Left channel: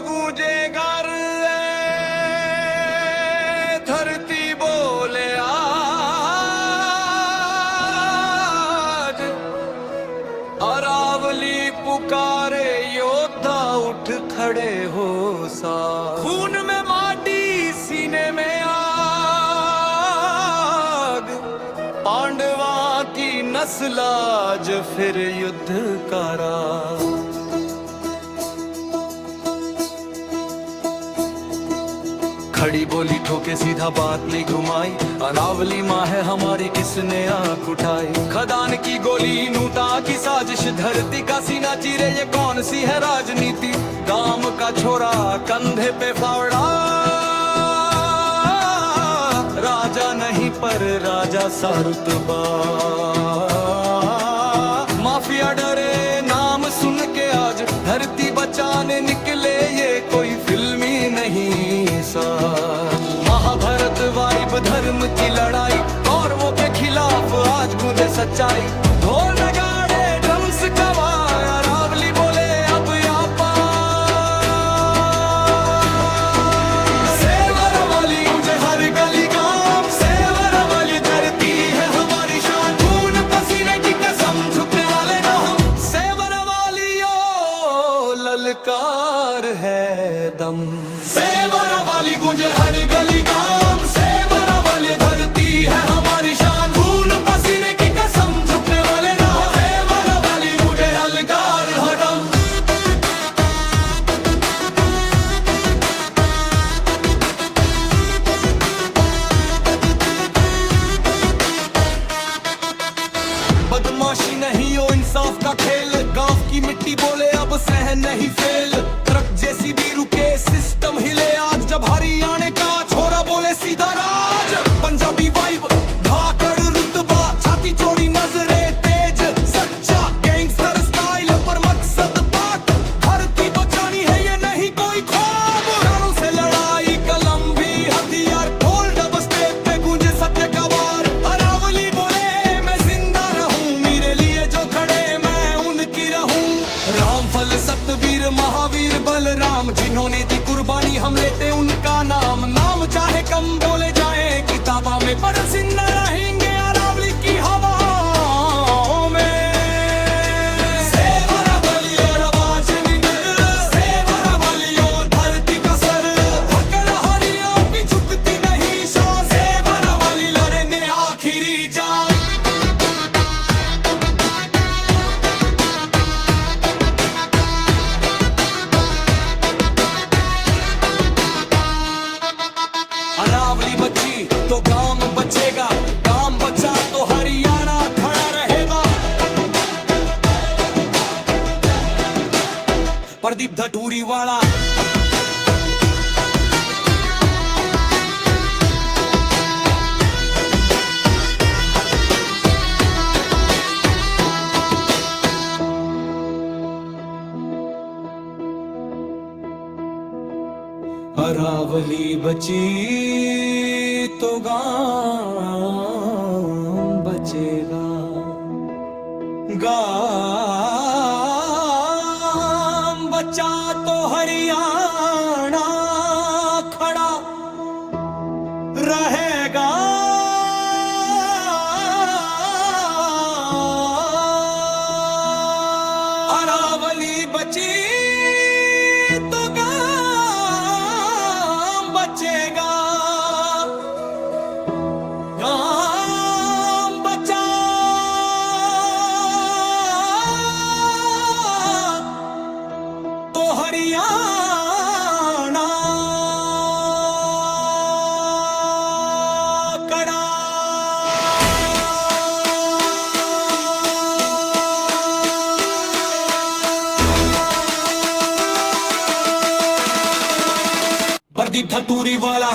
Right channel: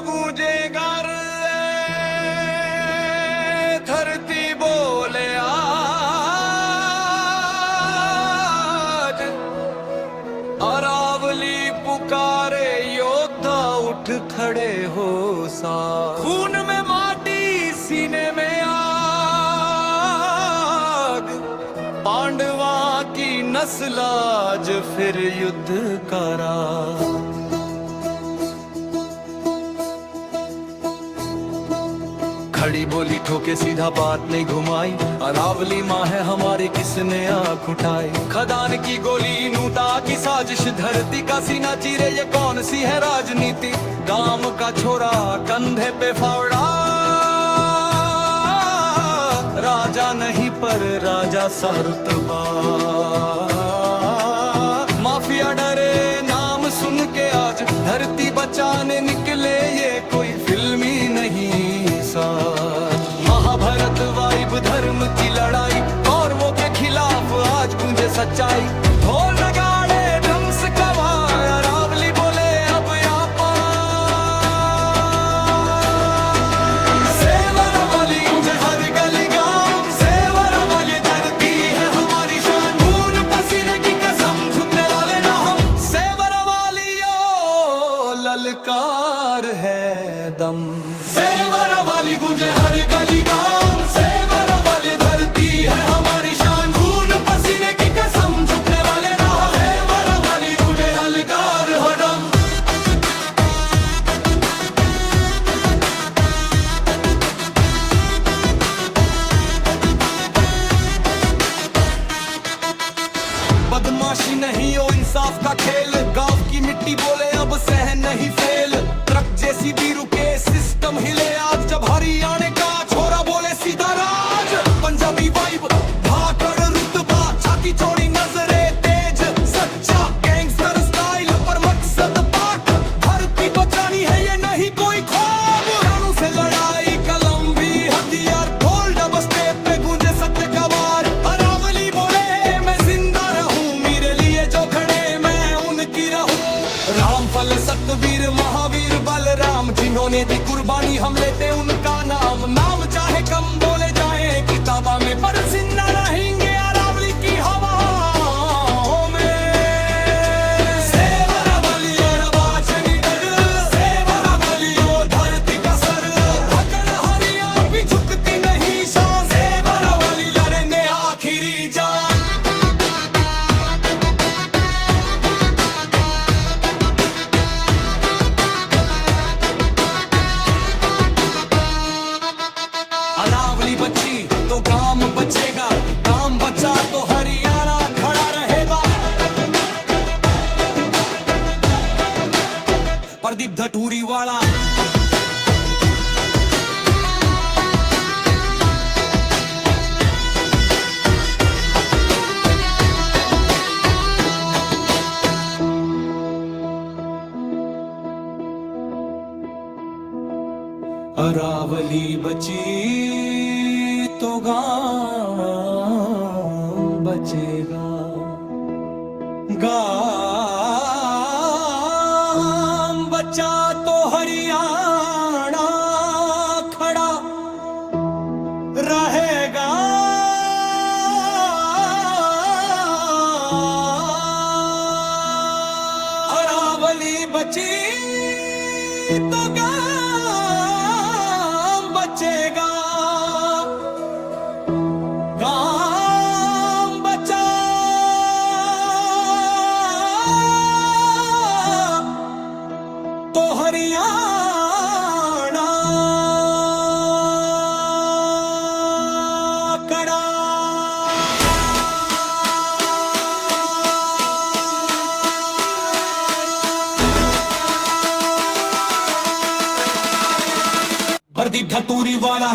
गूंजेगा धरती बोले आज, अरावली पुकारे योद्धा उठ खड़े हो साथ। खून में माटी सीने में आग, पांडवा की नस्ल आज फिर युद्ध करा। खड़ी बोली ठोके सीधा बात नहीं घुमाई, अरावली माँ है हमारी किसने आँख उठाई। खदान की गोली नूता की साजिश, धरती का सीना चीरे ये कौन सी है राजनीति। गांव का छोरा कंधे पे फावड़ा, राजा नहीं पर राजा सा रुतबा। माफिया डरे नाम सुन के आज, धरती बचाने निकले ये कोई फिल्मी नहीं साज। महाभारत वाइब धर्म की लड़ाई, कौरवों के खिलाफ आज गूंजे सच्चाई। ढोल नगाड़े ड्रम्स कवाय, अरावली बोले अब यहाँ पार। सेवर वाली गूंजे हर गली गांव, सेवर वाली धरती है हमारी शान। खून पसीने की कसम झुकने वाले ना हम, सेवर वाली ओ ललकार है दम। सेवर वाली गूंजे हर गली गांव, सेवर वाली धरती है हमारी शान। खून पसीने की कसम झुकने वाले ना, सेवर वाली गूंजे ललकार है दम। बदमाशी नहीं हो इंसाफ का खेल, गांव की मिट्टी बोले अब सहन नहीं फेल। ट्रक जैसी भी रुके सिस्टम हिले आज, जब हरियाणा का छोरा बोले सीधा राज। पंजाबी वाइब धाकड़ रुतबा, छाती चौड़ी नजरे तेज, सच्चा गैंगस्टर स्टाइल पर मकसद पाक। धरती बचानी है ये नहीं कोई ख्वाब, कानून से लड़ाई कलम भी हथियार। ढोल डबस्टे पे गूंजे सत्य का वार, अरावली बोले मैं जिंदा रहूं, मेरे लिए जो खड़े मैं उनकी रहूं। रामफल सतवीर महावीर बलराम, जिन्होंने दी कुर्बानी हम लेते उनका नाम। नाम चाहे कम बोले जाए किताबा में, पर जिंदा रहेंगे अरावली की हवाओं में। सेवर वाली और बाज निडर, सेवर वाली ओ धरती का सर। धकड़ हरिया भी झुकती नहीं शान, सेवर वाली लड़े ने आखिरी जान। अरावली बची तो गांव बचेगा, गांव बचा तो हरियाणा खड़ा रहेगा। प्रदीप धटूरी वाला अरावली बची तो गांव बचेगा, गांव बचा तो हरियाणा खड़ा रहेगा। अरावली बची तो बचेगा, गांव बचा तो हरियाणा खड़ा। प्रदीप धतूरी वाला